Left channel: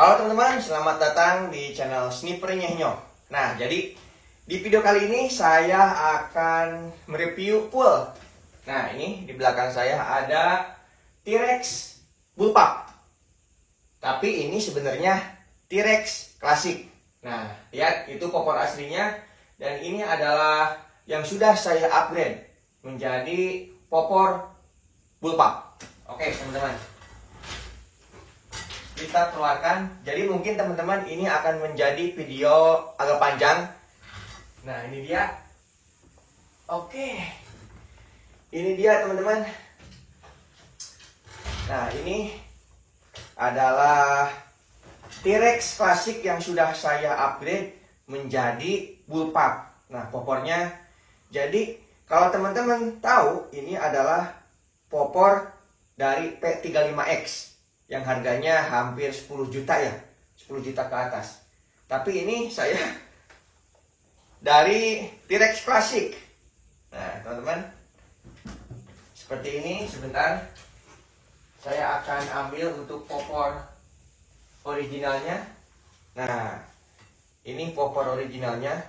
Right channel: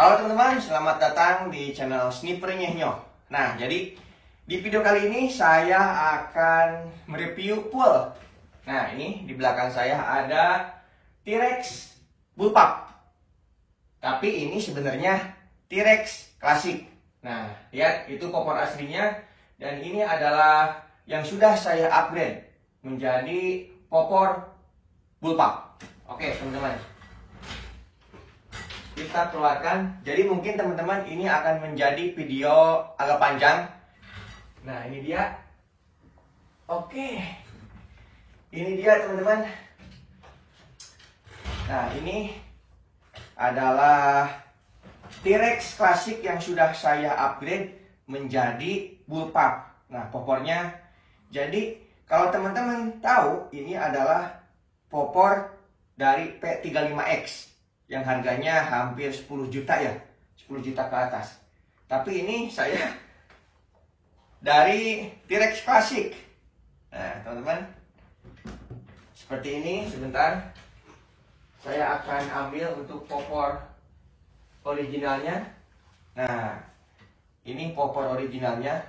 Halo teman-teman, selamat datang di channel Sniper Nyehnyo. Nah, jadi di video kali ini saya akan mereview pool. Nah, ini di belakang saya ada T-Rex Bullpup. Tapi ini sebenarnya T-Rex klasik. Nah, lihat itu popor aslinya. Dan ini adalah yang sudah saya upgrade menjadi popor Bullpup. Oke, teman-teman. Kita keluarkan. Jadi mungkin teman-teman ini akan menjadi video agak panjang. Nah, ini dia. Oke. Ini dia, teman-teman. Nah, ini adalah T-Rex klasik yang sudah saya upgrade menjadi Bullpup. Nah, popornya. Jadi, kalau teman-teman tahu, ini adalah popor dari P35X. Yang harganya hampir 10 juta ya, 10 juta ke atas. Tapi ini saya dari T-Rex klasik. Nah, teman-teman, seperti ini. Sebentar, saya akan ambil untuk popor originalnya. Nah, ini popor originalnya.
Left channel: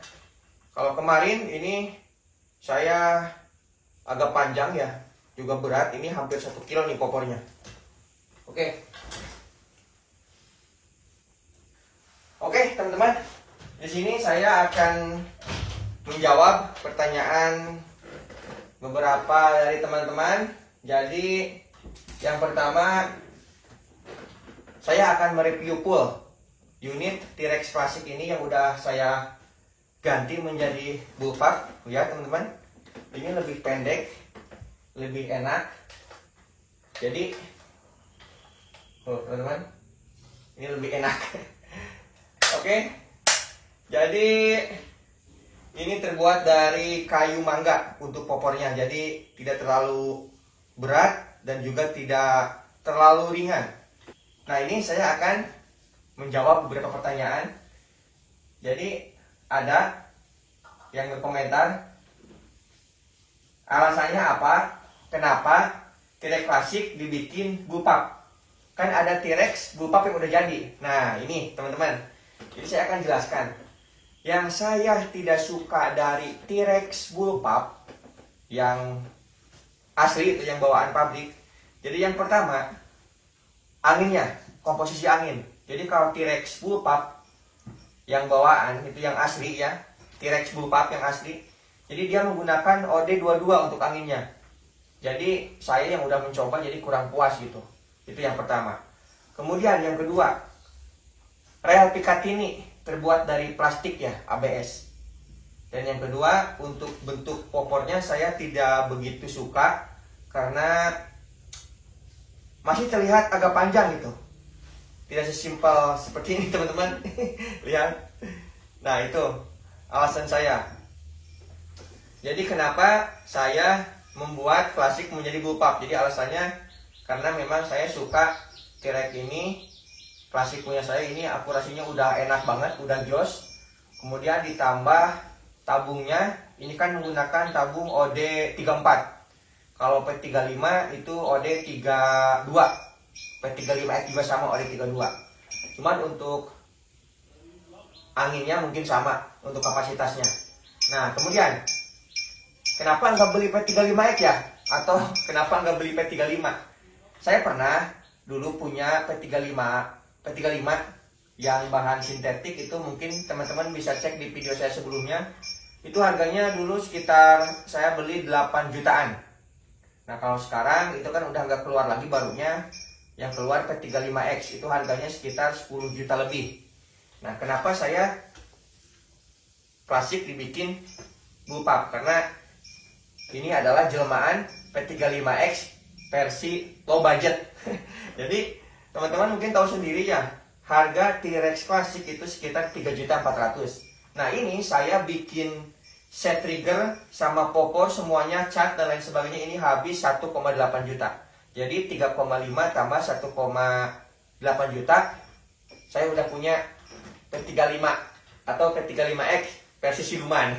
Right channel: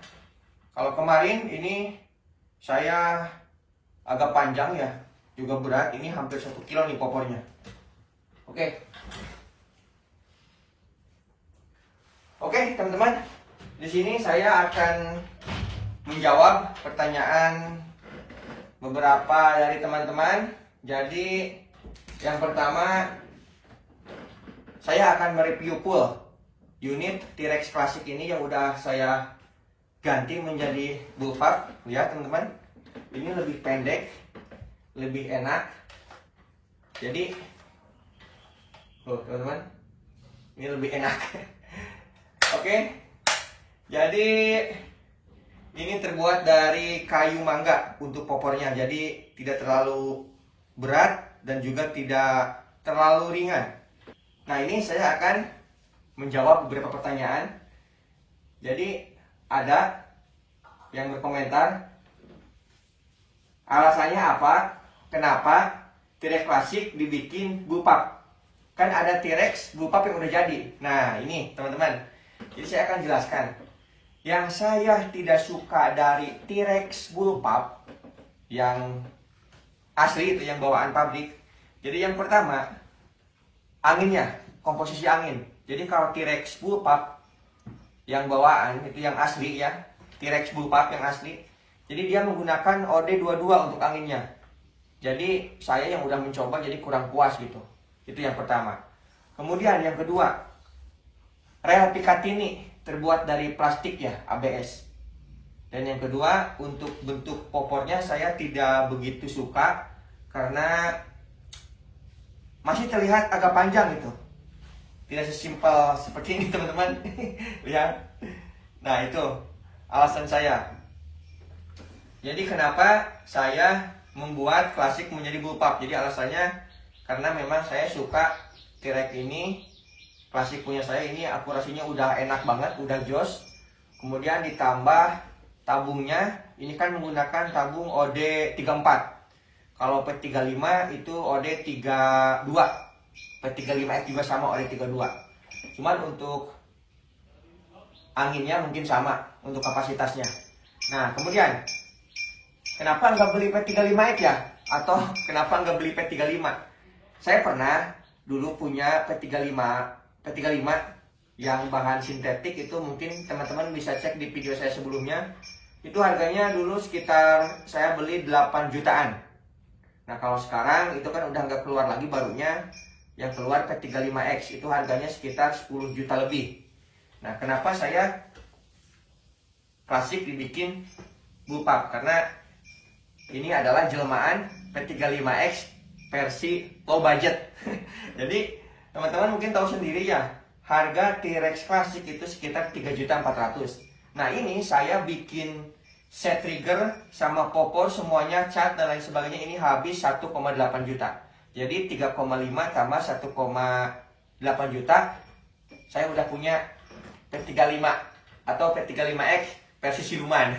Kalau kemarin ini saya agak panjang ya, juga berat. Ini hampir 1 kilo nih popornya. Oke, teman-teman. Di sini saya akan menjawab pertanyaan beberapa dari teman-teman. Jadi, yang pertama, saya akan mereview full unit T-Rex klasik ini yang udah saya ganti menjadi Bullpup. Ya, teman-teman. Ini lebih pendek, lebih enak. Jadi, teman-teman, ini lebih enak. Oke. Jadi ini terbuat dari kayu mangga untuk popornya. Jadi tidak terlalu berat dan juga tidak terlalu ringan. Nah, ini saya akan menjawab beberapa pertanyaan. Jadi ada yang berkomentar alasannya apa? Kenapa T-Rex klasik dibikin Bullpup? Kan ada T-Rex Bullpup yang udah jadi. Nah, ini teman-teman. Jadi saya akan jelaskan. Yang saya tidak suka dari T-Rex Bullpup yang asli itu, yang bawaan pabrik. Jadi yang pertama, anginnya, komposisi angin. Jadi kalau T-Rex Bullpup yang bawaan itu yang asli ya, T-Rex Bullpup yang asli. Jadi dia menggunakan OD22 untuk anginnya. Jadi saya yang udah mencoba jadi kurang puas gitu. Itu yang pertama. Kemudian yang kedua, rel Picatinny terbuat dari plastik ya, ABS. Dan yang kedua, untuk bentuk popornya saya tidak begitu suka karena masih terlihat agak panjang gitu. Tidak sesimpel seperti ini, teman-teman. Lihat. Nah, itu alasan saya. Jadi kenapa saya membuat klasik menjadi Bullpup? Jadi alasannya karena memang saya suka T-Rex ini, klasik punya saya ini akurasinya udah enak banget, udah jos. Kemudian ditambah tabungnya, ini kan menggunakan tabung OD34. Kalau P35 itu OD32. P35X juga sama OD32. Cuman untuk anginnya mungkin sama untuk kapasitasnya. Nah, kemudian kenapa nggak beli P35X ya? Atau kenapa nggak beli P35? Saya pernah dulu punya P35 yang bahan sintetik itu, mungkin teman-teman bisa cek di video saya sebelumnya. Itu harganya dulu sekitar saya beli 8 jutaan. Nah, kalau sekarang itu kan udah nggak keluar lagi barunya. Yang keluar P35X itu harganya sekitar 10 juta lebih. Nah, kenapa saya klasik dibikin Bullpup? Karena ini adalah jelmaan P35X versi low budget. Jadi teman-teman mungkin tahu sendiri ya, harga T-Rex klasik itu sekitar 3.400.000. Nah, ini saya bikin set trigger sama popor semuanya, cat dan lain sebagainya, ini habis 1,8 juta. Jadi 3,5 tambah 1,8 juta. Saya udah punya P35 atau P35X versi siluman.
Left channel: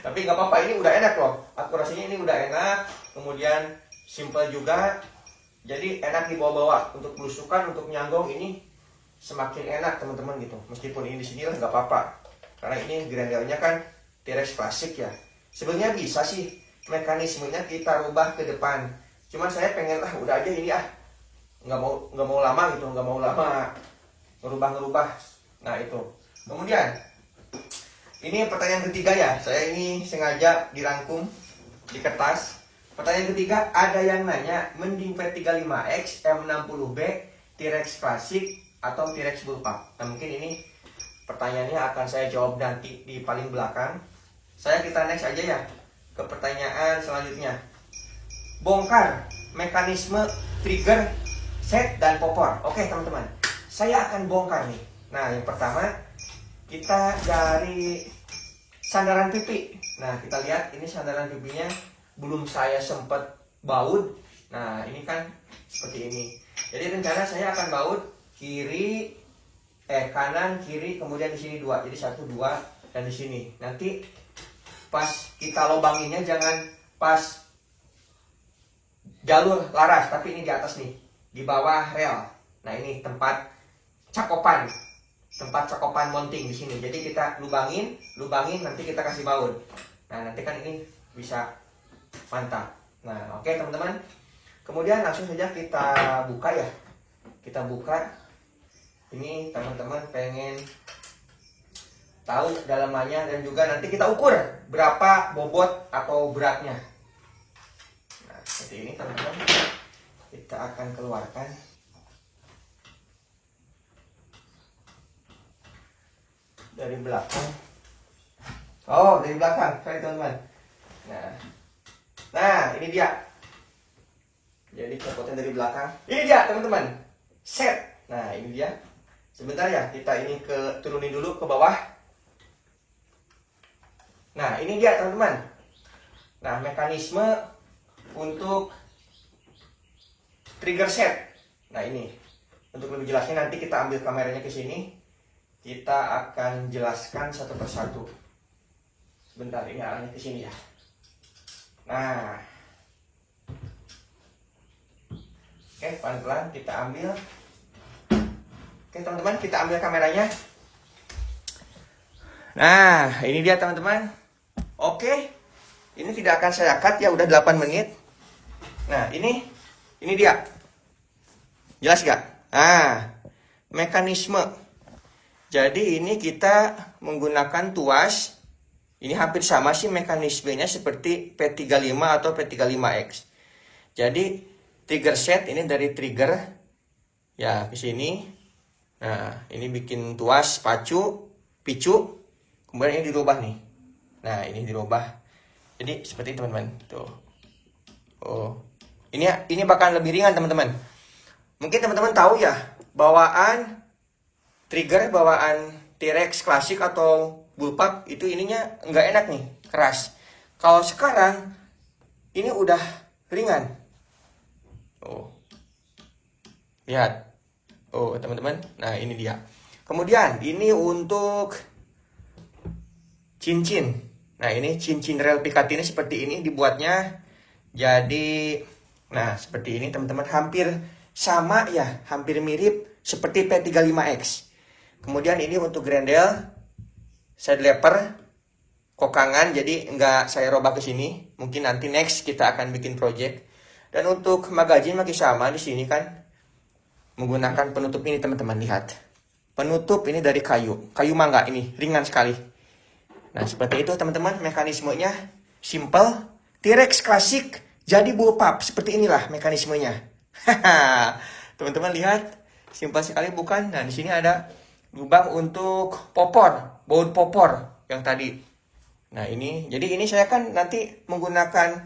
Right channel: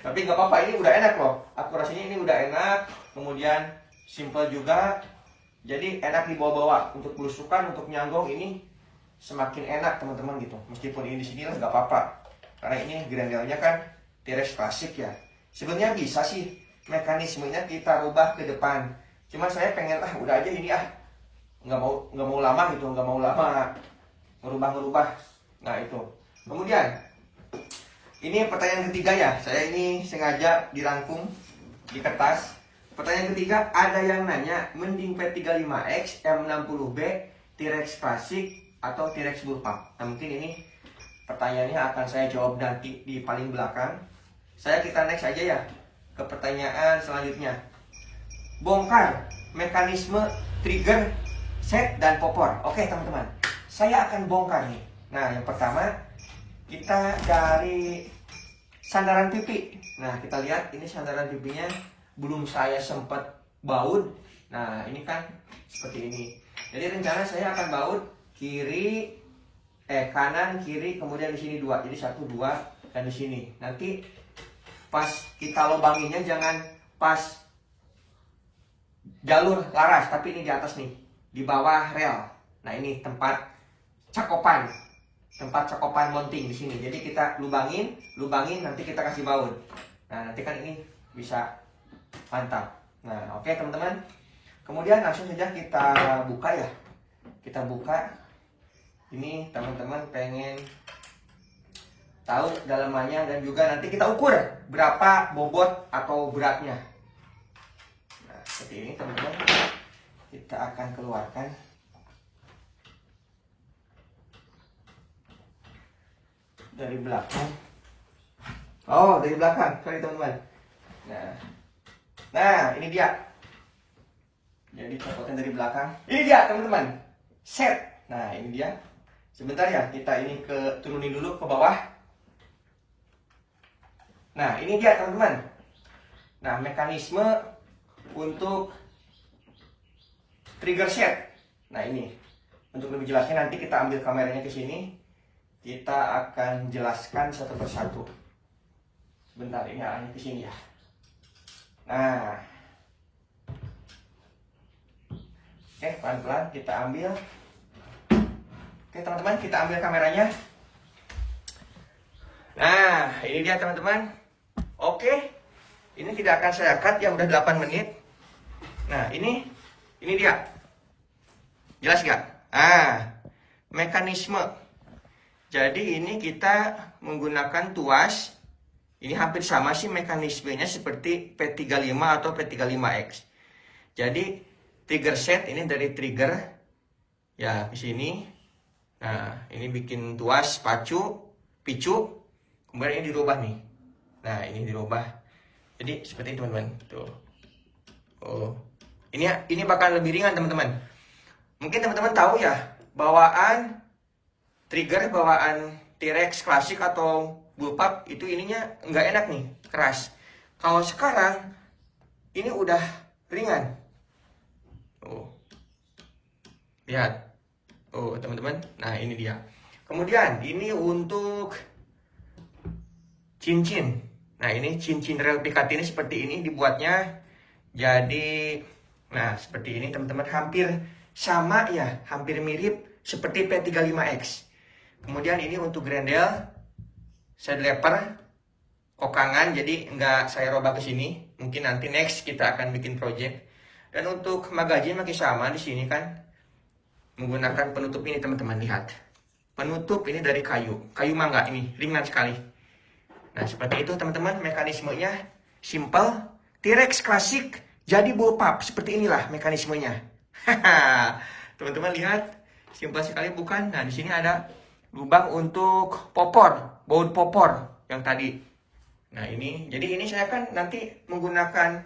Tapi nggak apa-apa, ini udah enak loh. Akurasinya ini udah enak. Kemudian simple juga. Jadi enak dibawa-bawa untuk belusukan, untuk nyanggong ini semakin enak teman-teman gitu. Meskipun ini di sini lah nggak apa-apa, karena ini grandelnya kan T-Rex klasik ya. Sebenarnya bisa sih mekanismenya kita rubah ke depan, cuman saya pengen udah aja ini nggak mau lama gitu, nggak mau lama ngerubah. Nah itu. Kemudian ini pertanyaan ketiga ya, saya ini sengaja dirangkum di kertas. Pertanyaan ketiga, ada yang nanya mending P35X, M60B, T-Rex klasik atau T-Rex bullpup. Nah mungkin ini pertanyaannya akan saya jawab nanti di paling belakang. Kita next aja ya ke pertanyaan selanjutnya. Bongkar mekanisme trigger, set, dan popor. Oke teman-teman, saya akan bongkar nih. Nah yang pertama, kita dari sandaran pipi. Nah kita lihat ini sandaran pipinya belum saya sempat baut. Nah ini kan seperti ini. Jadi rencana saya akan baut kanan kiri, kemudian di sini 2. Jadi 1 2 dan di sini. Nanti pas kita lobanginnya jangan pas jalur laras, tapi ini di atas nih, di bawah rel. Nah ini tempat cakopan mounting di sini. Jadi kita lubangin, nanti kita kasih baut. Nah nanti kan ini bisa mantap. Nah oke teman-teman. Kemudian langsung saja kita buka ya. Kita buka. Ini teman-teman pengen tahu dalamannya, dan juga nanti kita ukur berapa bobot atau beratnya. Nah seperti ini teman-teman. Kita akan keluarkan. Dari belakang. Oh, dari belakang. Sorry teman-teman. Nah, ini dia. Jadi copotnya dari belakang. Ini dia teman-teman. Set. Nah, ini dia. Sebentar ya, kita ini turunin dulu ke bawah. Nah, ini dia teman-teman. Nah, mekanisme untuk trigger set. Nah, ini. Untuk lebih jelasnya nanti kita ambil kameranya ke sini. Kita akan jelaskan satu persatu. Sebentar, ini arahnya ke sini ya. Nah. Oke, pelan-pelan kita ambil. Oke, teman-teman, kita ambil kameranya. Nah, ini dia teman-teman. Oke. Ini tidak akan saya cut ya, udah 8 menit. Nah, ini dia. Jelas gak? Nah, mekanisme. Jadi ini kita menggunakan tuas. Ini hampir sama sih mekanismenya seperti P35 atau P35X. Jadi trigger set ini dari trigger ya ke sini. Nah, ini bikin tuas picu. Kemudian ini dirubah nih. Nah, ini dirubah. Jadi seperti ini teman-teman. Tuh. Oh. Ini bakal lebih ringan teman-teman. Mungkin teman-teman tahu ya, bawaan T-Rex klasik atau bullpup itu ininya nggak enak nih, keras. Kalau sekarang ini udah ringan. Oh, lihat. Oh teman-teman, nah ini dia. Kemudian ini untuk cincin. Nah ini cincin rel pikat ini seperti ini dibuatnya. Jadi, nah seperti ini teman-teman, hampir sama ya, hampir mirip seperti P35X. Kemudian ini untuk grendel side leper kokangan, jadi nggak saya robah ke sini. Mungkin nanti next kita akan bikin project. Dan untuk magazine masih sama di sini kan, menggunakan penutup ini teman-teman, lihat. Penutup ini dari kayu mangga, ini ringan sekali. Nah seperti itu teman-teman, mekanismenya simple. T-Rex klasik jadi bullpup, seperti inilah mekanismenya. Teman-teman lihat, simple sekali bukan? Nah di sini ada lubang untuk baut popor yang tadi. Nah ini, jadi ini saya kan nanti menggunakan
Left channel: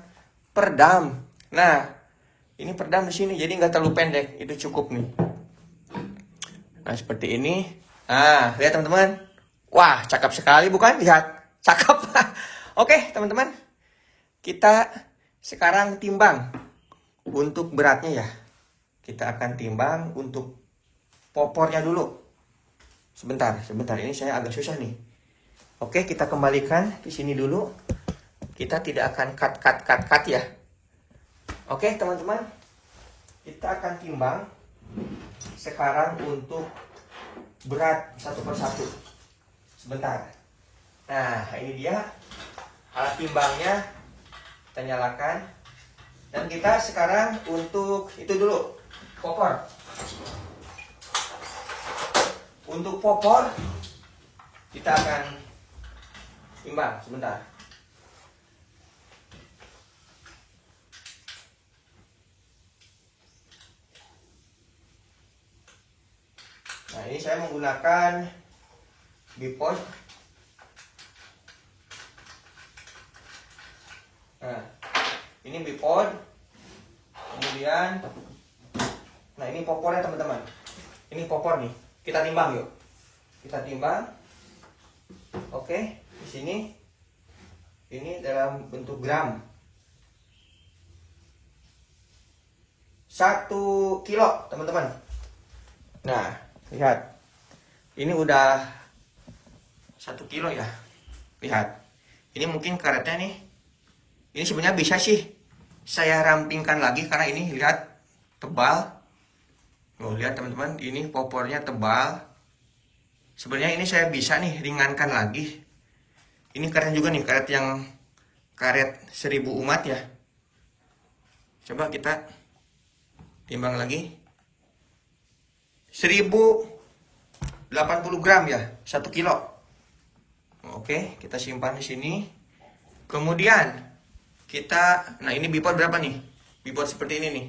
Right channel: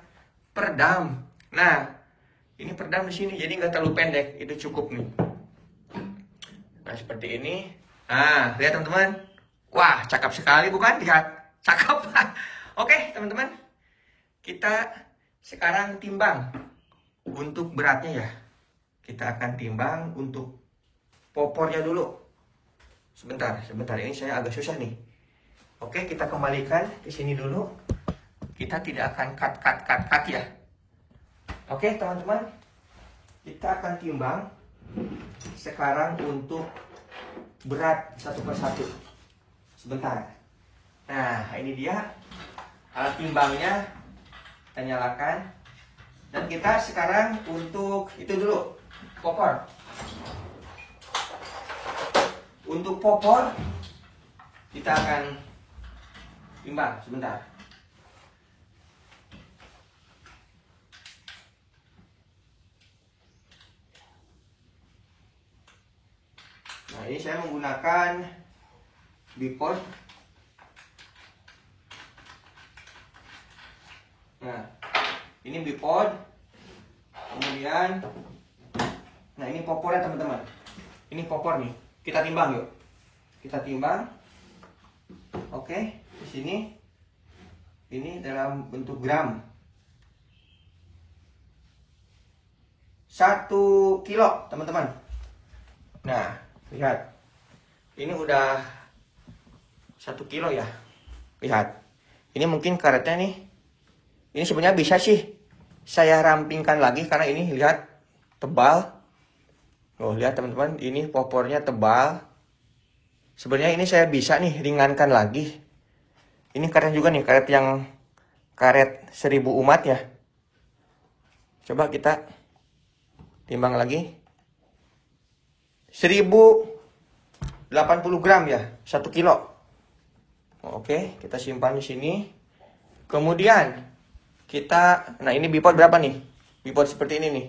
perdam. Nah ini perdam di sini, jadi nggak terlalu pendek, itu cukup nih. Nah seperti ini. Nah lihat teman-teman, wah cakep sekali bukan? Lihat, cakep. Oke teman-teman, kita sekarang timbang untuk beratnya ya. Kita akan timbang untuk popornya dulu. Sebentar, ini saya agak susah nih. Oke, kita kembalikan di sini dulu. Kita tidak akan cut ya. Oke, teman-teman. Kita akan timbang sekarang untuk berat satu persatu. Sebentar. Nah, ini dia alat timbangnya. Kita nyalakan. Dan kita sekarang untuk itu dulu, popor. Untuk popor kita akan timbang sebentar. Nah, ini saya menggunakan bipod. Nah, ini bipod. Kemudian, nah ini popornya teman-teman. Ini popor nih. Kita timbang yuk. Kita timbang. Oke, di sini. Ini dalam bentuk gram. 1 kilo teman-teman. Nah, lihat. Ini udah 1 kilo ya. Lihat. Ini mungkin karetnya nih. Ini sebenarnya bisa sih saya rampingkan lagi karena ini lihat tebal. Oh, lihat teman-teman, ini popornya tebal. Sebenarnya ini saya bisa nih ringankan lagi. Ini karet juga nih, karet 1000 umat ya. Coba kita timbang lagi. 1080 gram ya, 1 kilo. Oke, kita simpan di sini. Kemudian nah ini bipod berapa nih? Bipod seperti ini nih.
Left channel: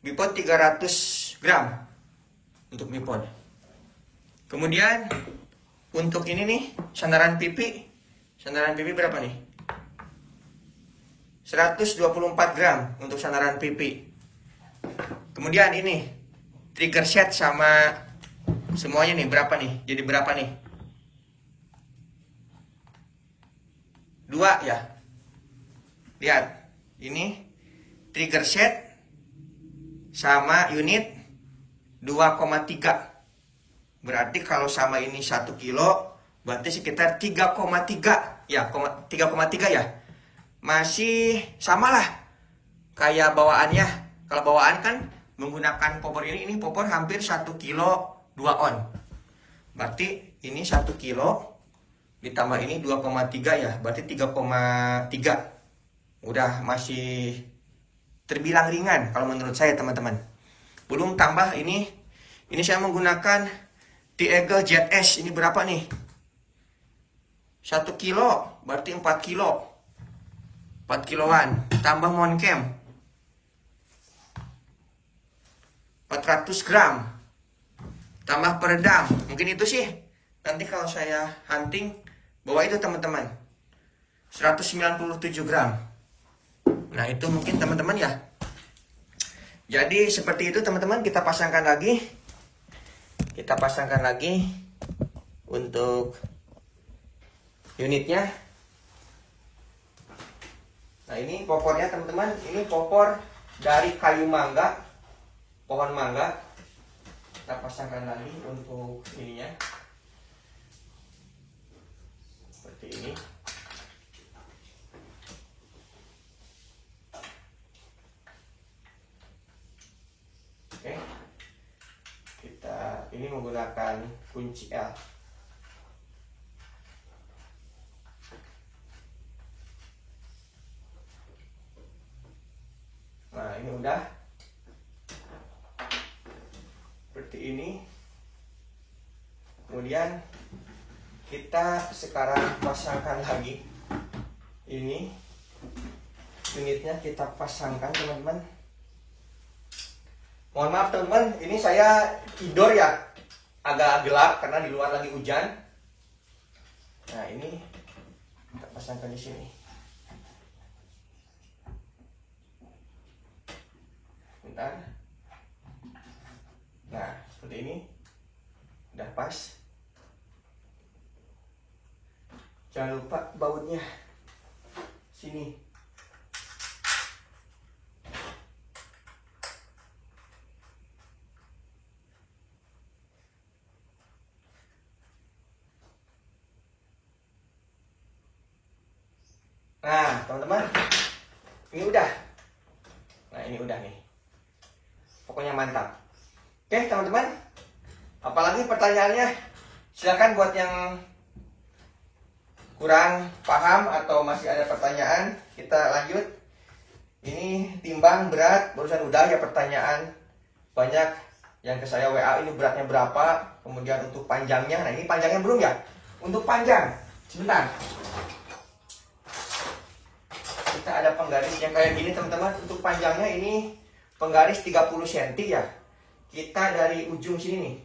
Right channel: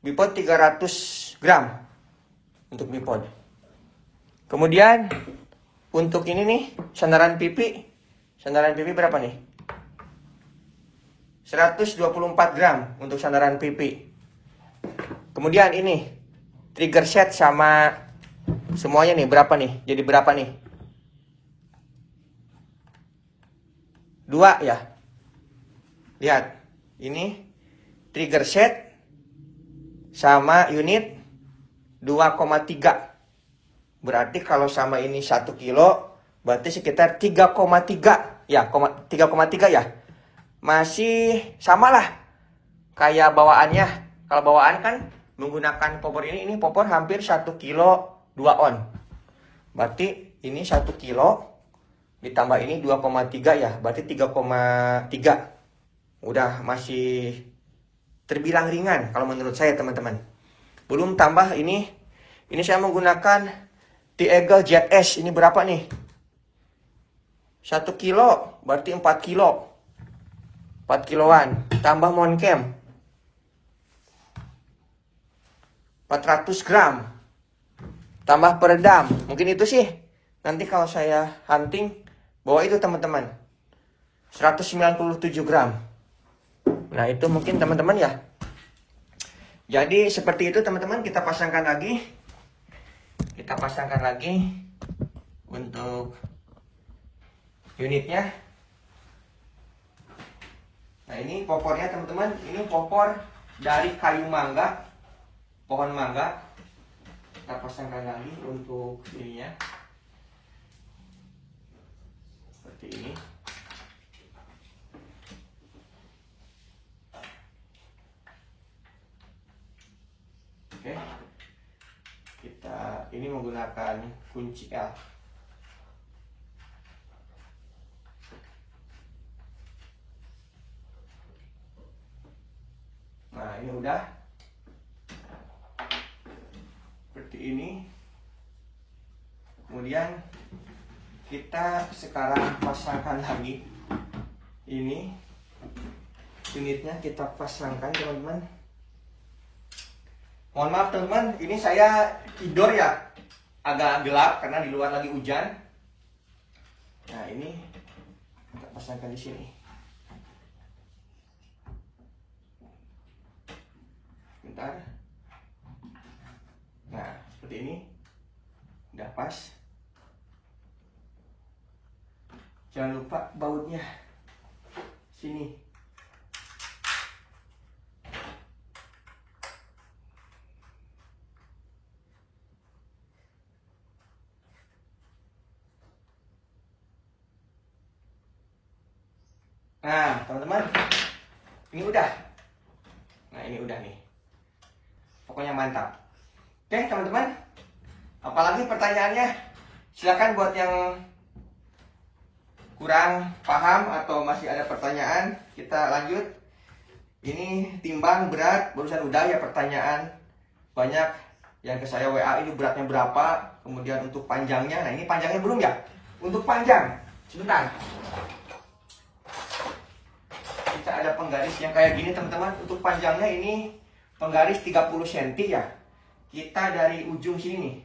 Bipod 300 gram untuk bipod. Kemudian untuk ini nih, sandaran pipi. Sandaran pipi berapa nih? 124 gram untuk sandaran pipi. Kemudian ini trigger set sama semuanya nih berapa nih? Jadi berapa nih? 2 ya. Lihat, ini trigger set sama unit 2,3. Berarti kalau sama ini 1 kilo, berarti sekitar 3,3 ya, 3,3 ya. Masih samalah kayak bawaannya. Kalau bawaan kan menggunakan popor ini popor hampir 1 kilo 2 on. Berarti ini 1 kilo ditambah ini 2,3 ya, berarti 3,3. Udah masih terbilang ringan kalau menurut saya teman-teman. Belum tambah ini saya menggunakan T-Eagle ZS. Ini berapa nih? 1 kilo berarti 4 kilo. 4 kiloan. Tambah Moncam 400 gram. Tambah peredam. Mungkin itu sih. Nanti kalau saya hunting bawa itu teman-teman. 197 gram. Nah itu mungkin teman-teman ya. Jadi seperti itu teman-teman, kita pasangkan lagi. Kita pasangkan lagi untuk unitnya. Nah ini popornya teman-teman. Ini popor dari kayu mangga, pohon mangga. Kita pasangkan lagi untuk ininya. Seperti ini. Oke. Ini menggunakan kunci L. Nah, ini udah seperti ini. Kemudian kita sekarang pasangkan lagi. Ini unitnya kita pasangkan teman-teman. Mohon maaf teman-teman, ini saya tidur ya, agak gelap karena di luar lagi hujan. Nah ini kita pasangkan di sini. Bentar. Nah seperti ini, udah pas. Jangan lupa bautnya sini. Nah, teman-teman, ini udah. Nah, ini udah nih. Pokoknya mantap. Oke, teman-teman. Apalagi pertanyaannya, silakan buat yang kurang paham atau masih ada pertanyaan, kita lanjut. Ini timbang berat, barusan udah ya pertanyaan banyak yang ke saya WA, ini beratnya berapa, kemudian untuk panjangnya. Nah ini panjangnya belum ya. Untuk panjang, sebentar, kita ada penggaris yang kayak gini teman-teman. Untuk panjangnya ini penggaris 30 cm ya. Kita dari ujung sini nih,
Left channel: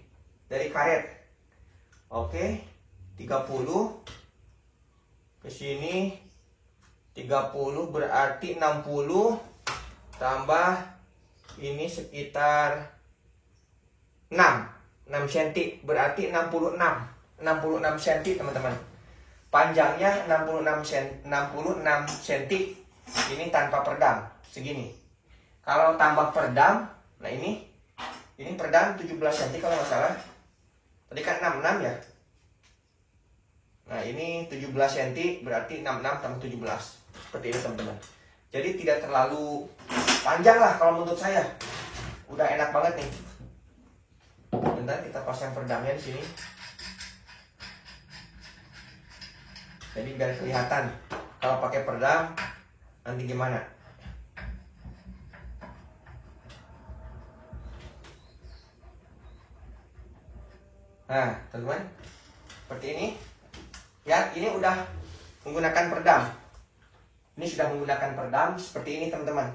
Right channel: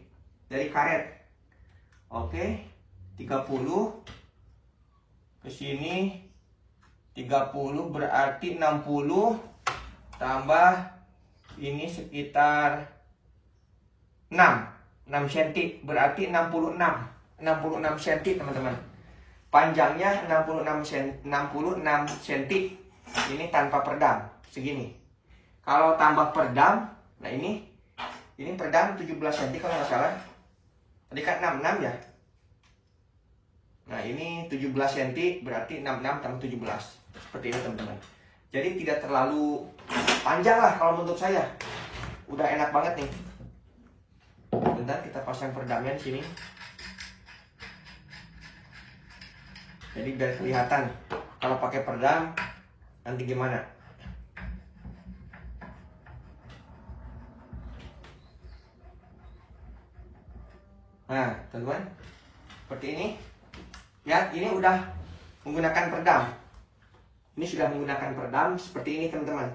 dari karet. Oke, 30 ke sini, 30 berarti 60 tambah ini sekitar 6 cm, berarti 66 cm teman-teman. Panjangnya 66 cm. Ini tanpa perdam segini. Kalau tambah perdam, nah ini perdam 17 cm kalau nggak salah. Tadi kan 66 ya. Nah ini 17 cm berarti 66 tambah 17. Seperti itu teman-teman. Jadi tidak terlalu panjang lah kalau menurut saya. Udah enak banget nih. Bentar, kita pasang perdamnya di sini. Jadi biar kelihatan kalau pakai perdam nanti gimana. Nah teman-teman, seperti ini. Ya, ini udah menggunakan perdam. Ini sudah menggunakan perdam seperti ini teman-teman.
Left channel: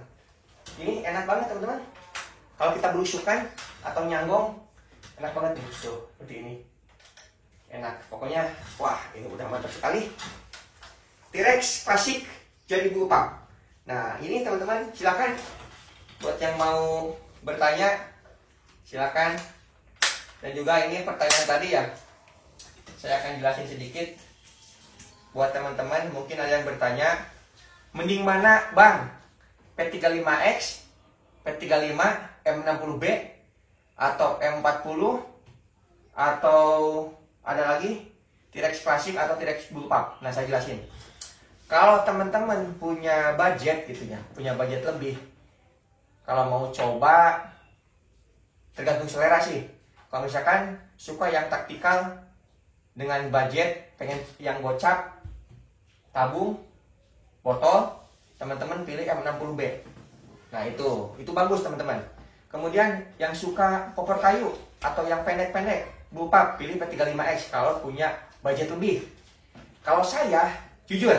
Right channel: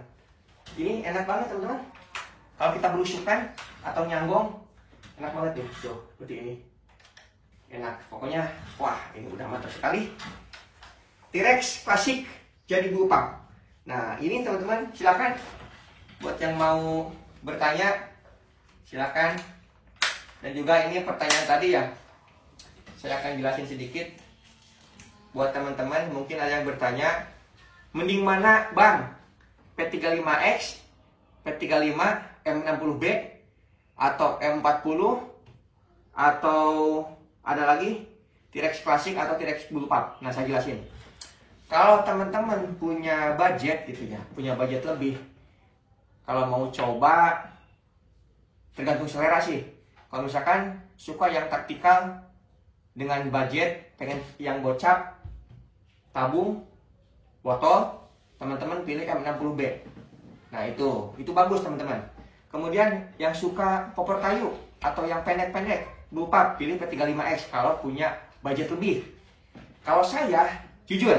Ini enak banget teman-teman. Kalau kita belusukan atau nyanggong, enak banget nih. Tuh, seperti ini. Enak. Pokoknya, wah ini udah mantap sekali. T-Rex klasik jadi bupak. Nah, ini teman-teman silakan. Buat yang mau bertanya, silakan. Dan juga ini pertanyaan tadi ya. Saya akan jelasin sedikit. Buat teman-teman mungkin ada yang bertanya, mending mana bang? P35X, P35, M60B, atau M40, atau ada lagi T-Rex klasik atau T-Rex bullpup. Nah saya jelasin. Kalau teman-teman punya budget gitu ya, punya budget lebih, kalau mau coba tergantung selera sih. Kalau misalkan suka yang taktikal dengan budget, pengen yang gocap, tabung, botol, teman-teman pilih M60B. Nah itu bagus teman-teman. Kemudian yang suka popor kayu atau yang pendek-pendek, bullpup, pilih P35X kalau punya budget lebih. Kalau saya, jujur,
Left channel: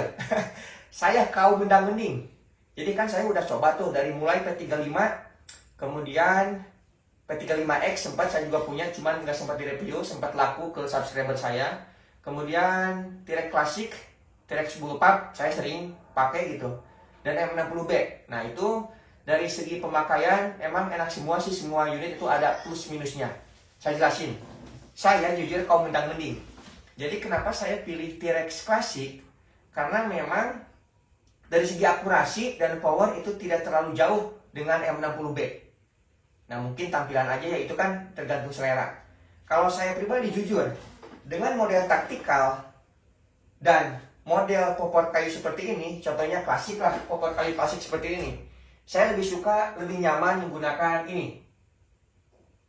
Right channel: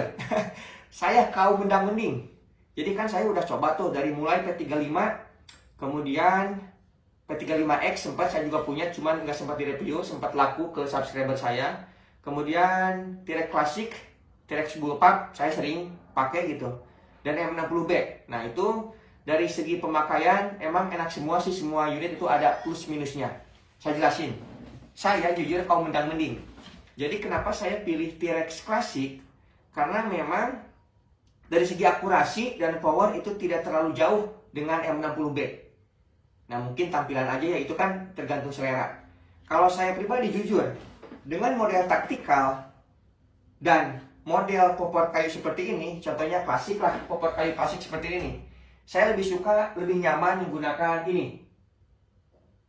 saya kaum mendang-mending. Jadi kan saya udah coba tuh dari mulai P35, kemudian P35X sempat saya juga punya, cuman nggak sempat direview, sempat laku ke subscriber saya. Kemudian T-Rex klasik, T-Rex bullpup saya sering pakai gitu, dan M60B. Nah itu dari segi pemakaian emang enak semua sih, semua unit itu ada plus minusnya. Saya jelasin. Saya jujur kaum mendang-mending. Jadi kenapa saya pilih T-Rex klasik? Karena memang dari segi akurasi dan power itu tidak terlalu jauh dengan M60B. Nah mungkin tampilan aja ya, itu kan tergantung selera. Kalau saya pribadi jujur, dengan model taktikal dan model popor kayu seperti ini, contohnya klasik lah, popor kayu klasik seperti ini, saya lebih suka, lebih nyaman menggunakan ini,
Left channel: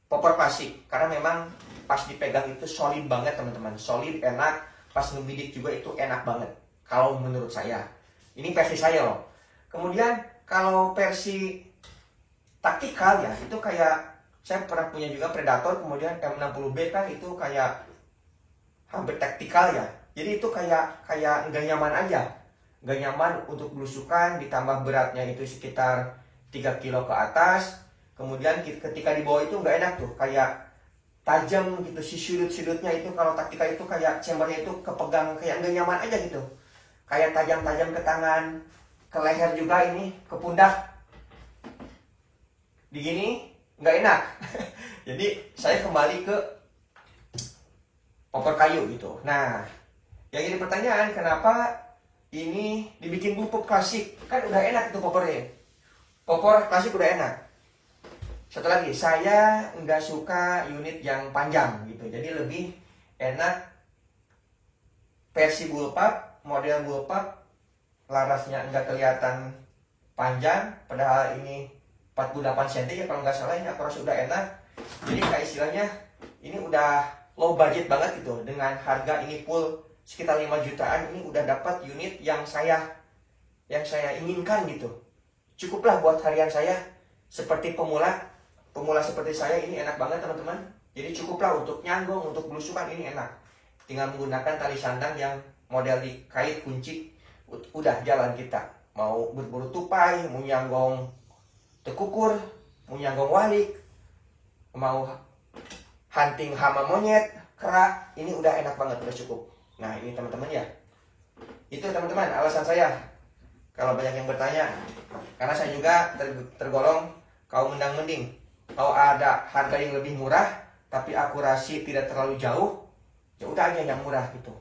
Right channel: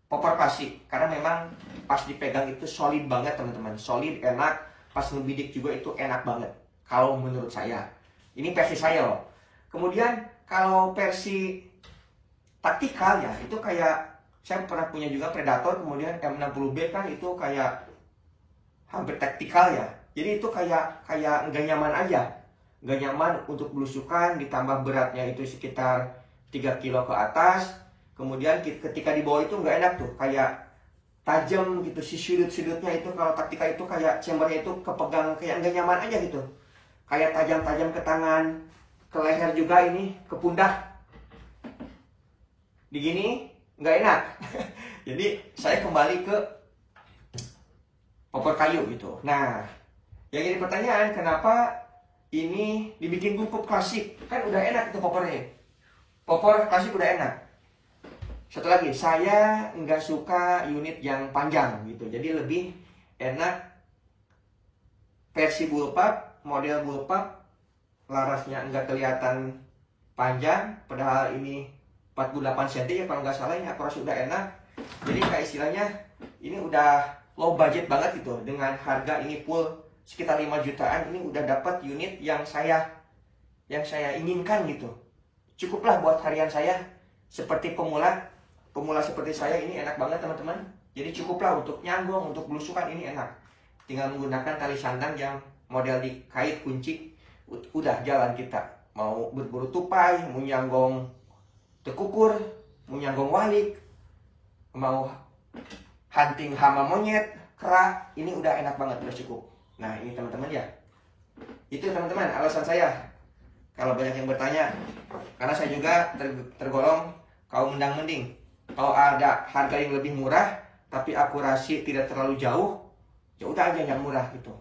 popor klasik. Karena memang pas dipegang itu solid banget teman-teman, solid, enak, pas ngebidik juga itu enak banget. Kalau menurut saya, ini versi saya loh. Kemudian kalau versi taktikal ya, itu kayak saya pernah punya juga Predator, kemudian M60B kan itu kayak hampir taktikal ya. Jadi itu kayak nggak nyaman aja, nggak nyaman untuk belusukan, ditambah beratnya itu sekitar 3 kilo ke atas. Kemudian ketika di bawah itu nggak enak tuh, kayak tajam gitu, si sudut-sudutnya itu kalau taktikal itu kayak chambernya itu kepegang, kayak nggak nyaman aja gitu, kayak tajam-tajam ke tangan, ke leher juga ini, ke pundak. Begini nggak enak. Jadi saya kembali ke popor kayu gitu. Nah, yang jadi pertanyaan, kenapa ini dibikin bullpup klasik? Kan udah enak itu popornya. Popor klasik udah enak. Satu lagi, saya nggak suka unit yang panjang gitu. Jadi lebih enak versi bullpup, model bullpup, larasnya nggak kelihatan panjang, padahal ini 48 cm ya kalau nggak salah. Ini akurasi udah enak, Jadi kayak istilahnya ini udah low budget banget gitu. Dengan harga ini full sekitar 5 jutaan, ini udah dapat unit yang saya inginkan gitu. Cukuplah buat harian saya. Seperti pemula seperti saya ini enak banget teman-teman. Jadi cukuplah untuk nyanggong, untuk belusukan ini enak. Tinggal menggunakan tali sandang yang model dikait kunci, udah jalan kita. Mau berburu tupai, mau nyanggong tekukur, mau nyanggong walik, mau hunting hama monyet, kera, ini udah enak banget, udah cukup. Nah ini teman-teman ya. Itu teman-teman alasan saya. Kalau banyak yang bertanya, karena saya juga tergolong kaum mendang-mending. Kalau ada harga yang lebih murah, tapi akurasi tidak terlalu jauh, ya udah aja yang murah gitu.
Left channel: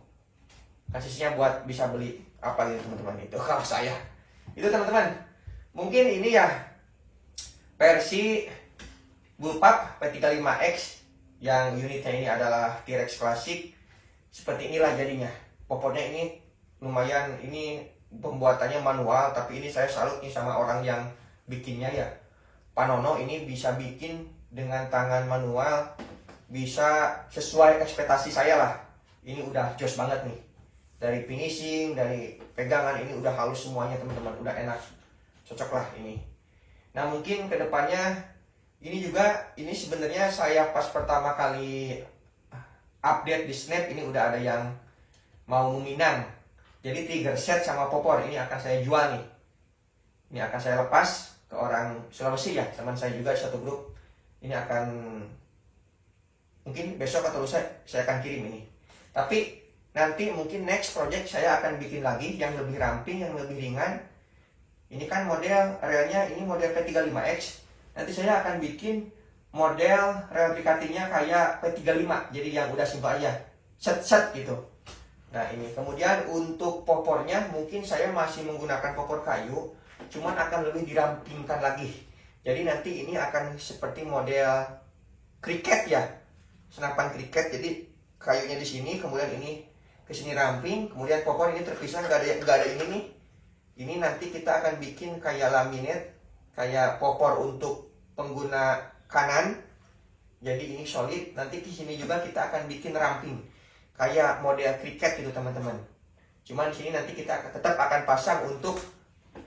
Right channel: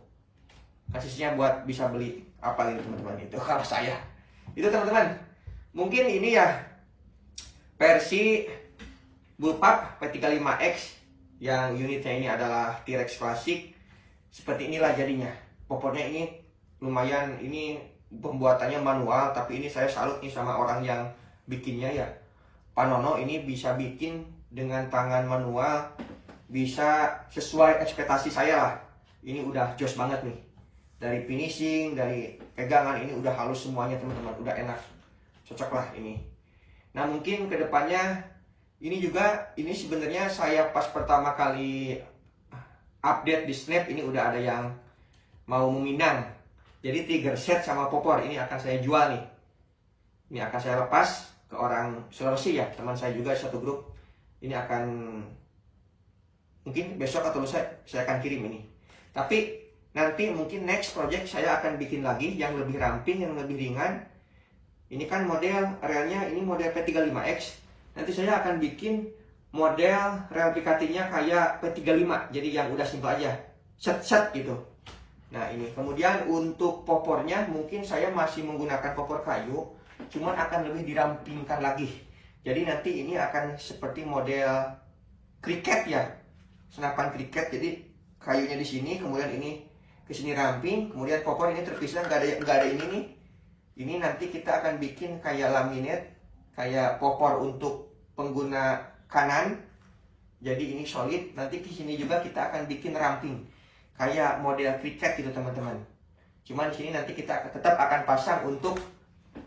Kasihnya buat bisa beli apa gitu teman-teman. Itu kalau saya. Itu teman-teman. Mungkin ini ya versi Bullpup P35X yang unitnya ini adalah T-Rex klasik. Seperti inilah jadinya. Popornya ini lumayan, ini pembuatannya manual, tapi ini saya salut nih sama orang yang bikinnya ya. Pak Nono ini bisa bikin dengan tangan manual, bisa sesuai ekspektasi saya lah. Ini udah jos banget nih. Dari finishing, dari pegangan ini udah halus semuanya teman-teman, udah enak. Cocok lah ini. Nah mungkin kedepannya ini juga, ini sebenarnya saya pas pertama kali update di Snap ini udah ada yang mau meminang. Jadi tiger set sama popor ini akan saya jual nih. Ini akan saya lepas ke orang Sulawesi ya, teman saya juga satu grup. Ini akan mungkin besok atau lusa saya akan kirim ini. Tapi nanti mungkin next project saya akan bikin lagi yang lebih ramping, yang lebih ringan. Ini kan model relnya ini model P35X. Nanti saya akan bikin model rel Pikatinya kayak P35. Jadi yang udah simpel aja, set-set gitu. Nah ini kemudian untuk popornya mungkin saya masih menggunakan popor kayu, cuman akan lebih dirampingkan lagi. Jadi nanti ini akan seperti model kriket ya, senapan kriket. Jadi kayunya di sini, kemudian ini ke sini ramping, kemudian popor ini terpisah, nggak ada ini nih. Ini nanti kita akan bikin kayak laminate, kayak popor untuk pengguna kanan. Jadi ini solid. Nanti di sini juga kita akan bikin ramping kayak model kriket gitu teman-teman. Cuman di sini nanti kita tetap akan pasang untuk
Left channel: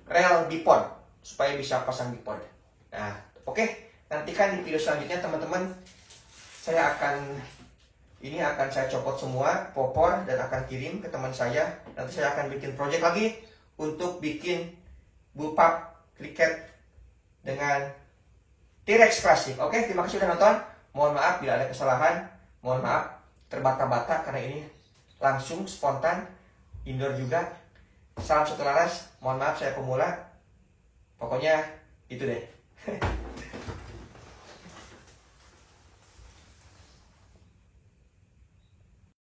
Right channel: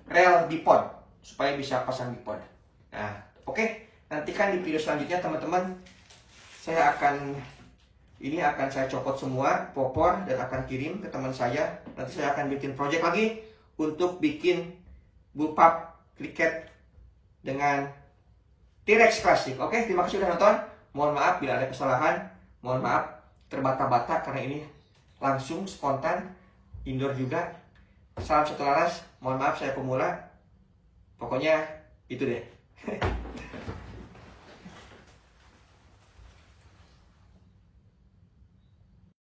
rel bipod supaya bisa pasang bipod. Nah, oke. Nantikan di video selanjutnya teman-teman. Saya akan saya copot semua popor dan akan kirim ke teman saya. Nanti saya akan bikin project lagi untuk bikin Bullpup kriket dengan T-Rex klasik. Oke, terima kasih sudah nonton. Mohon maaf bila ada kesalahan. Mohon maaf terbata-bata karena ini langsung spontan, indoor juga. Salam satu laras. Mohon maaf saya pemula. Pokoknya itu deh.